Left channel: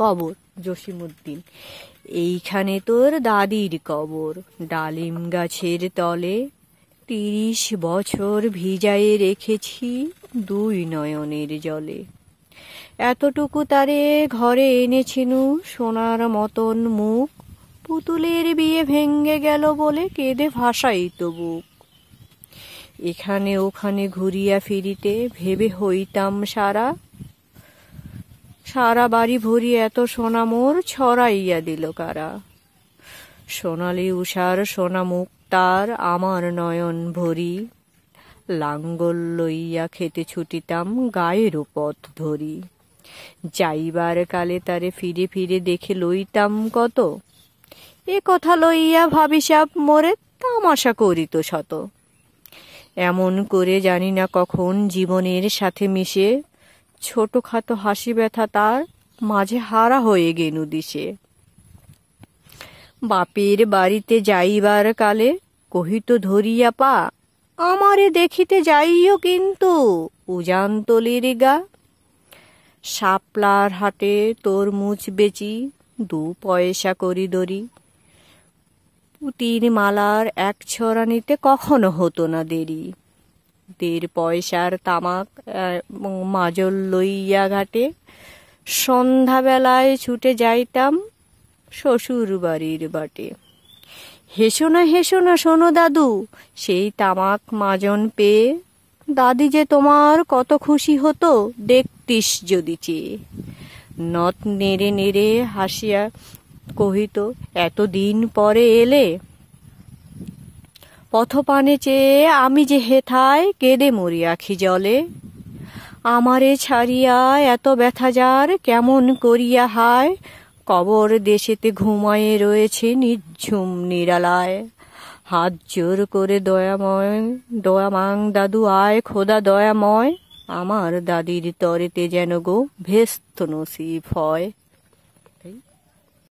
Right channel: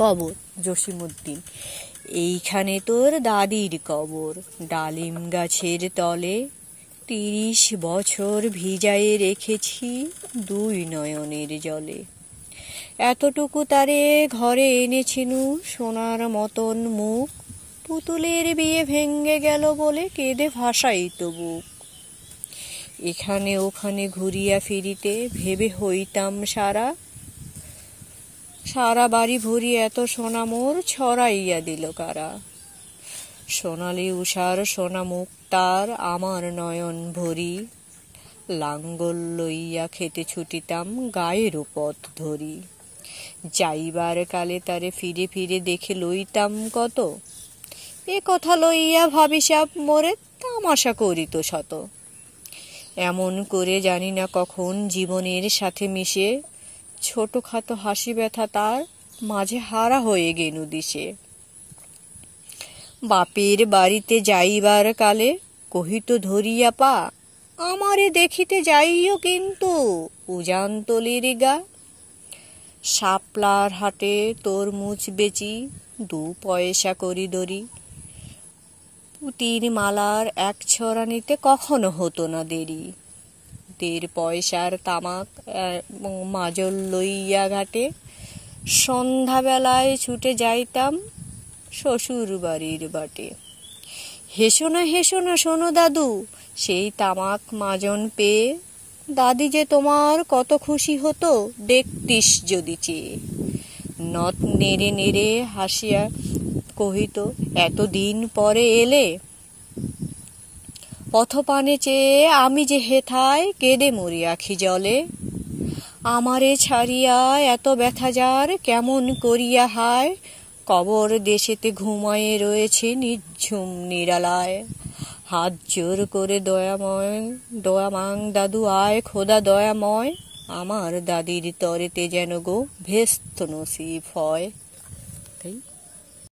কবর জসিমউদ্দিন। এইখানে তোর দাদির কবর, ডালিম গাছের তলে ৩০ বছর ভিজায়ে রেখেছি ২ নয়নের জলে। এতটুকু তারে ঘরে এনেছিনু সোনার মতন মুখ, পুতুলের বিয়ে ভেঙ্গে গেল বলে কেঁদে ভাসাইত বুক। এখানে ওখানে ঘুরিয়া ফিরিতে ভেবে হইতাম সারা, সারা বাড়ি ভরি এত সোনা মোর ছড়াইয়া দিল কারা। সোনালি উষার সোনা মুখ তার আমার নয়ন ভরি, লাঙ্গল লইয়া খেতে ছুটিতাম গায়ের পথ ধরি। যাইবার কালে তারে ফিরে ফিরে দেখে লইতাম কত, এ কথা লইয়া ভাবিসাব মোরে তামাশা করিত শত। এমন করে জানি না কখন জীবনের সাথে মিশে ছোটখাটো হাসি ব্যথা তার মাঝে হারা হয়ে গেনু দিশে। বাপের বাড়িতে যাইবার কালে কহিত ধরিয়া পা, আমারে দেখিতে যাইও কিন্তু উজানতলির গা। শাপলার হাটে তরমুজ বেচি ২ পয়সা করি দরি, পুতির মালার ১ ছড়া নিতে কখনো হতো না দেরি। ১.৫ পয়সার তামাক মাজল লইয়া ঘাটে সন্ধ্যাবেলায় ছুটে যাইতাম শ্বশুর বাড়ির বাটে। হেসো না শোনো দাদু, সেই তামাক মাজন পেয়ে দাদি যে তোমার কত খুশি হতো দেখতিস যদি চেয়ে। নথ নেড়ে নেড়ে হাসিয়া কহিত, এতদিন পরে এলে। পথপানে চেয়ে আমি যে হেথায় কেঁদে মরি আখি জলে। আমারে ছাড়িয়া এত ব্যথা যার কেমন করিয়া হায়, কবর দেশেতে ঘুমায়ে রয়েছে নিঝুম নিরালায়। হাত জোর করে দয়ামাং দাদু আয় খোদা দয়াময়, আমার দাদির তরেতে যেন গো ভেস্ত নসিব হয়।